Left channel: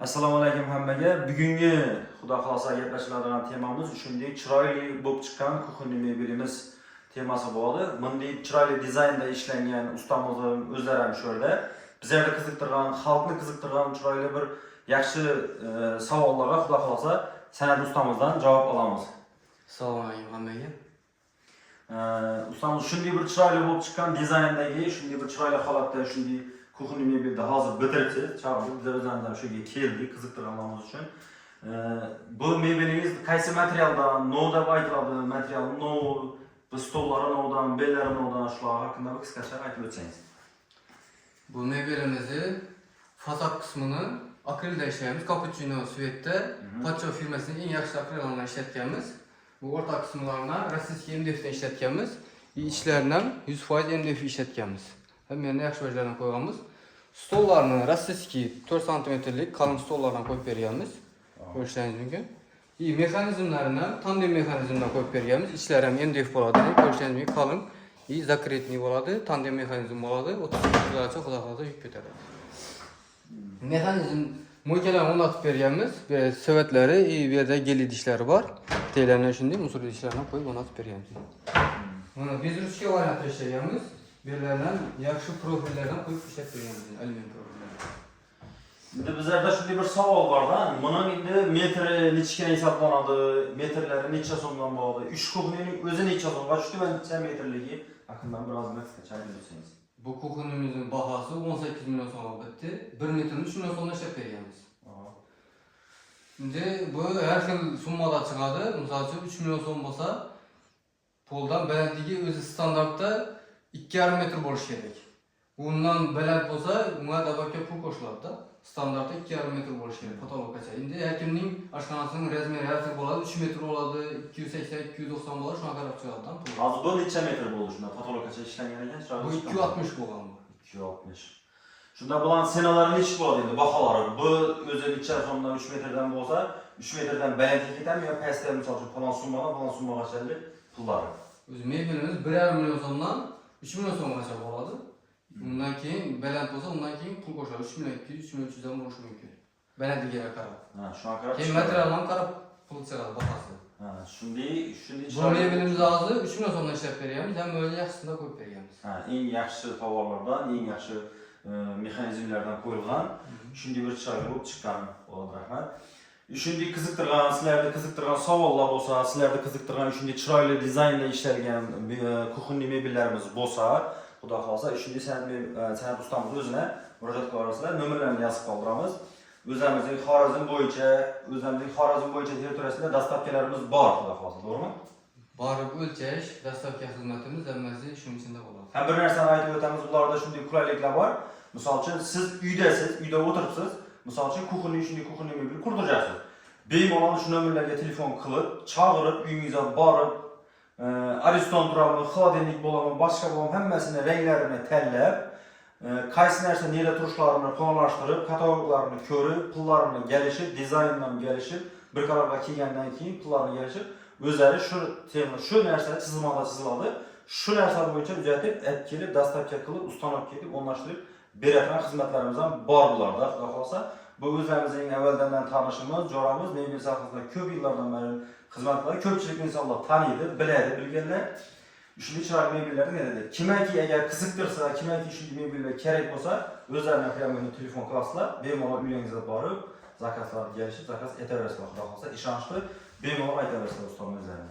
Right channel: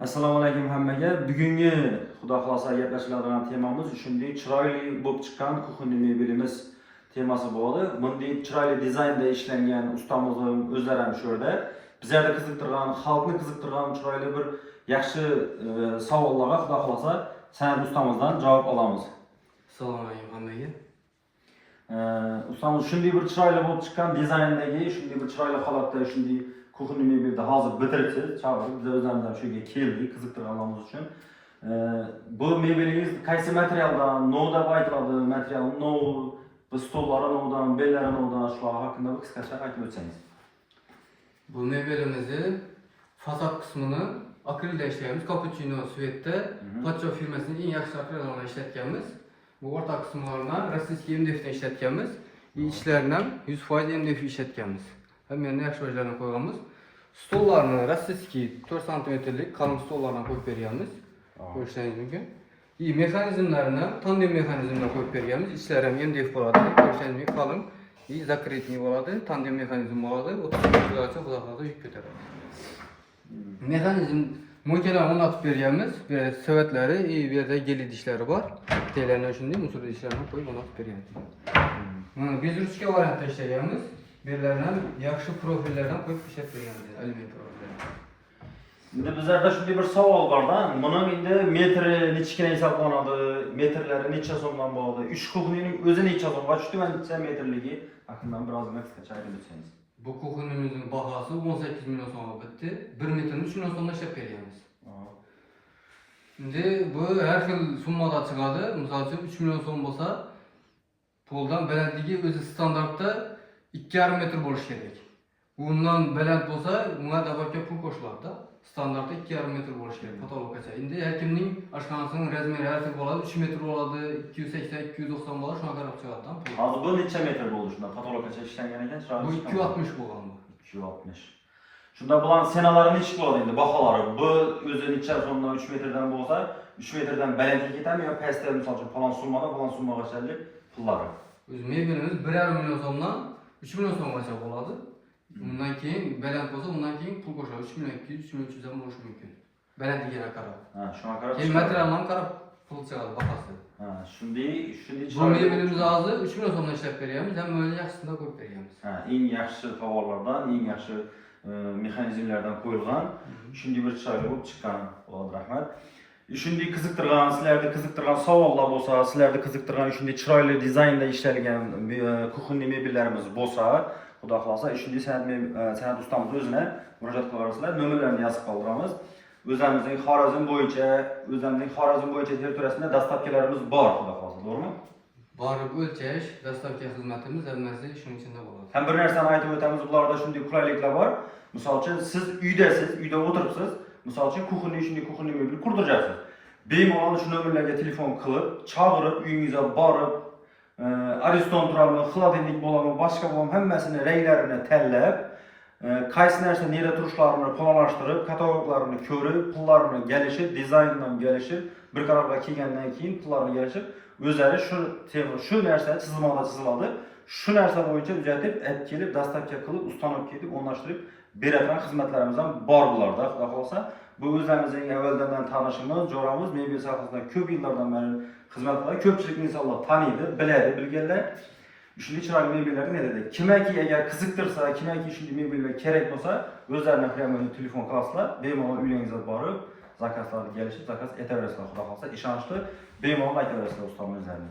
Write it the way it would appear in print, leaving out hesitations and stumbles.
Assalomu alaykum hammaga. Bugungi Xudo xolasa gaplashiladigan temamiz shunday chiroyli bo'lib chiqqan kuxunli mebelimiz temasi bo'ldi. Bunday chiroyli dizaynda ishlangan ustamizning o'zlari ham shu yerda. Bizlarga qiziqtirgan, xalqni qiziqtirgan chiroyli bir yaxshi savollarga Xudo xolasa san'at ustamizdan javob olamiz. Assalomu alaykum hammaga. Ustamiz shunday bir chiroyli bo'lib chiqqan dizayndagi, shunday bir chiroyli holatda shunday kuxunli mebelni hozir bitiribsiz. Chaqirib biz o'zimizdan shu yerga keldik qiziqtirganlarimiz uchun. Bu mebelingiz qaysi materialdan, novda aytiladi, material nov, bu stollari novdan, bellari novdan shular haqida qisqacha aytib o'tsangiz. Bu mebelimizni fasad qismini akrelda ishlaymiz. Cappuccino Svet'te Pacho firmasining eng yaxshi akrelini ishlatganmiz. Bu o'rta qismlaridan rossiyskiy MDF'dan ishlatganmiz. İçlerini 100% MDF ishlatganmiz. Hamma yaxshi joylarga qo'yganmiz. Stollarni rossiyskiy 4 santimetrlik qalin stollardan qo'yib berganmiz. Ko'rishingiz mumkin. Mexanizmlarini tandem mexanizmdan qo'yib berganmiz. İçlari ham MDF bo'ladi. Ko'rishingiz mumkin qalin. Zakretniy bo'ladi, tandem mexanizm bo'ladi. 30 kilogacha xulosa yuk ko'taradi. Mexanizm mo'ljallarni o'rnatib berganmiz. Bu savatlar, bu yerda gel idishlari bor. Bitaylarni shunday musor idishlarini qo'yib o'rnatib berganmiz. Mana bezruchka variantda ishlaganmiz. Bellardan yaxshi profillardan qo'yib ishlatib berganmiz. Alyumin profillar. Endi bizlarda shunday bir savol bor-da. Buni endi metri nechga hisoblanadi, metrlari necha so'mdan bo'ladi? 3 kuxnining o'zi necha so'mga tushdi va necha metrligi haqida birozgina qisqacha aytib o'tsangiz. Bu kuxnimizning bahosi 18 million so'mga bitdi. 1 metrni 3 million so'mdan ishlab berganmiz. Endi bu har xil summada chiqadi. Misol uchun 3 million so'm bo'lsa, poldan balandligi o'zi standartda 2,5 metr bo'lishi kerak. Bundan baland bo'lsa, unga dabaqqa pul qo'shiladi. Standartda 2,5 metr bo'lishi kerak patologgacha. Endi har kimning oshxonasining razmeri har xil bo'ladi. 3 metr bo'ladi, 280, 290 bo'ladi, shunga qarab chiqadi. Hozir bu necha metr bo'ldi shunda patologgacha ishlangan ekan, bu 260 bo'lgan bu. 260. Shunda bulan senalari necha bo'ladi endi baholari? Bu o'zi necha so'mdan 3 metrdan bo'lsa, 3 metrdan balandga ketami yo pastda misol uchun falon summagacha pullari. O'z mebelimiz 1,5 million so'mdan 3 million so'mgacha bo'ladi. Undan keyin baland bo'lsa, undan keyin pul qo'shadi. 3 million 200, 3 million 300 dan bo'lishi mumkin. Balandligiga qarab. Ha, shunga qarab. Keyin materialdan qarab pul chiqadi bahasi. Ha, shunday Bu mebelimizni hozir 3 million so'mdan ishlab beryapmiz, ham o'zi yaxshisini qo'yib beryapmiz. Ha, eng yaxshi tovarlardan, eng yaxshi mexanizmlardan qo'yilgan, shunday bir chiroyli bo'lib chiqqan. Alloh rahmat. Shunday sizlarni qiziqtirgan savollar bo'lsa, sizlarni qiziqtirgan shunday chiroyli dizaynda ishlangan kuxunli mebellarimiz bo'lsa, Xudo xolasa shunday san'at ustamiz o'zini murojaat qilaverasizlar, nomerlarini yozib qoldiramiz. O'zimizning Xorazm bo'yicha territoriyasida dastavkalarimiz bor, Xudo xolasa, to'g'rimi? Borib o'lchash, dastavka xizmatimiz hammasi shuning ichida bo'ladi. Ham bir narsani aytib o'tamiz, bularda shunday qulayliklar bor. Misol uchun siz uyda o'tiribsiz, misol uchun kuxunli mebel qurdirasiz. Bemalol shu nomerlarga telefon qilib, chaqirib, uyingizga borib, ariston turamni, xolodilnik bo'lami, boshqa bo'lami hammasini ranglarini tanlab, qaysi narsa nera turishlarini to'g'rilashtirib, kataloglarini ko'rib, pullarini kelishib, dizayndan kelishib, bir qarorga kelgandan keyin pullarini kelishib, o'zlari shu narsa chizimda chiziladi. Shu narsa bo'yicha uzatib, olib kelib, dastavka qilib, ustanob ketib, o'rnashtirib beradigan xizmatlarimiz ham bor bularda. Xudo xolasa, bu o'zlarimizning avvaldan tanishimiz, jo'ramiz, mebel sohasida ko'p yillardan beri xizmat qiladi. Ko'pchilik insonlar taniydi, biladi, bilganlar. Shunday chiroyli mebellarni nerada? Kimki agar qiziqtirsa, kimki shunday mebellar kerak bo'lsa, o'zlarining xiyomini telefon qilasizlar, bemalol uyingizga borib, zakazlarga kelishib, zakaz etaverasizlar. Xudo xolasa, ishonchli bemalol aytaverasizlar ustamizlarni.